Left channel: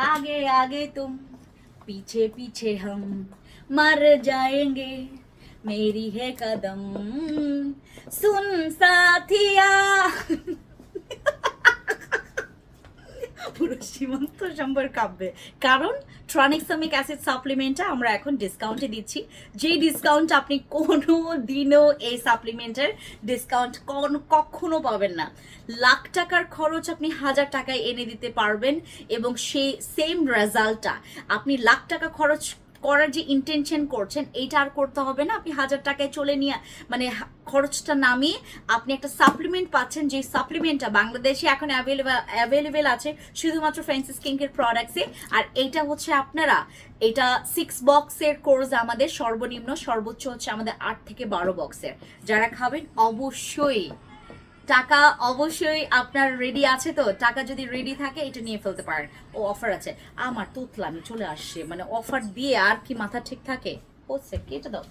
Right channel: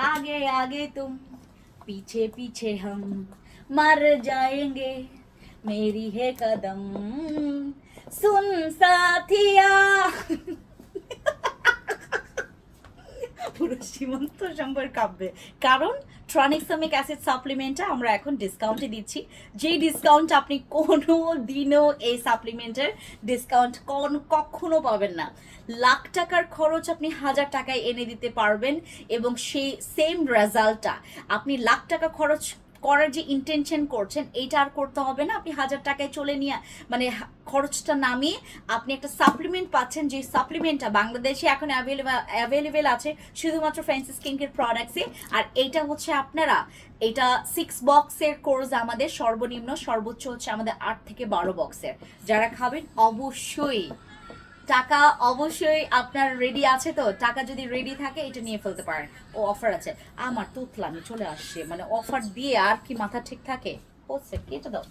आगे आगे तुम पीछे पीछे हम मर जाएंगे मेरी है कदम सुन साथिया পুরো সীমান্ত সম্পর্ক কাঁপবে কারণ ট্রানিক্সামিক অ্যাসিড সাপ্লিমেন্টটা আমরা এখন ডিসকাউন্টে দিচ্ছি যেই ডিসকাউন্ট আপনি কোনো দিনও এই সাপ্লিমেন্টের ডিসকাউন্ট কখনো পাবেন না লাখ টাকার খরচ আপনি 1000 টাকায় এনে দিতে পারবেন এবং সেই সেম রেজাল্টটা আপনি লাখ টাকা খরচ করার যে ইন্টেনশন করছেন এইটা আর করতে হবে না আপনি 1000 টাকায় চলে নিয়ে মানে খরচটা নামিয়ে আপনি একটা সাপ্লিমেন্ট পাচ্ছেন যে সাপ্লিমেন্টটা বাংলাদেশে এখন অ্যাভেলেবেল আছে শুধুমাত্র ফ্রান্সিস কিংকের প্রোডাক্টসে আর এইটা হচ্ছে আপনারা এটা 6 বক্সের কোর্স আমাদের সর্বনিম্ন সর্বোচ্চ হচ্ছে আমাদের 8 থেকে 12 বক্সের যারা খাবেন অবশ্যই টাকা অবশ্যই আপনার রেডি আছে তো টাকা যদি রেডি থাকে এটা নিয়ে ফেলতে পারেন ও অফার আছে আমার তুতলামি চলে আসছে মানে অফার দিয়ে আর কি মাথা ঠিক থাকে হচ্ছে কেটে দাও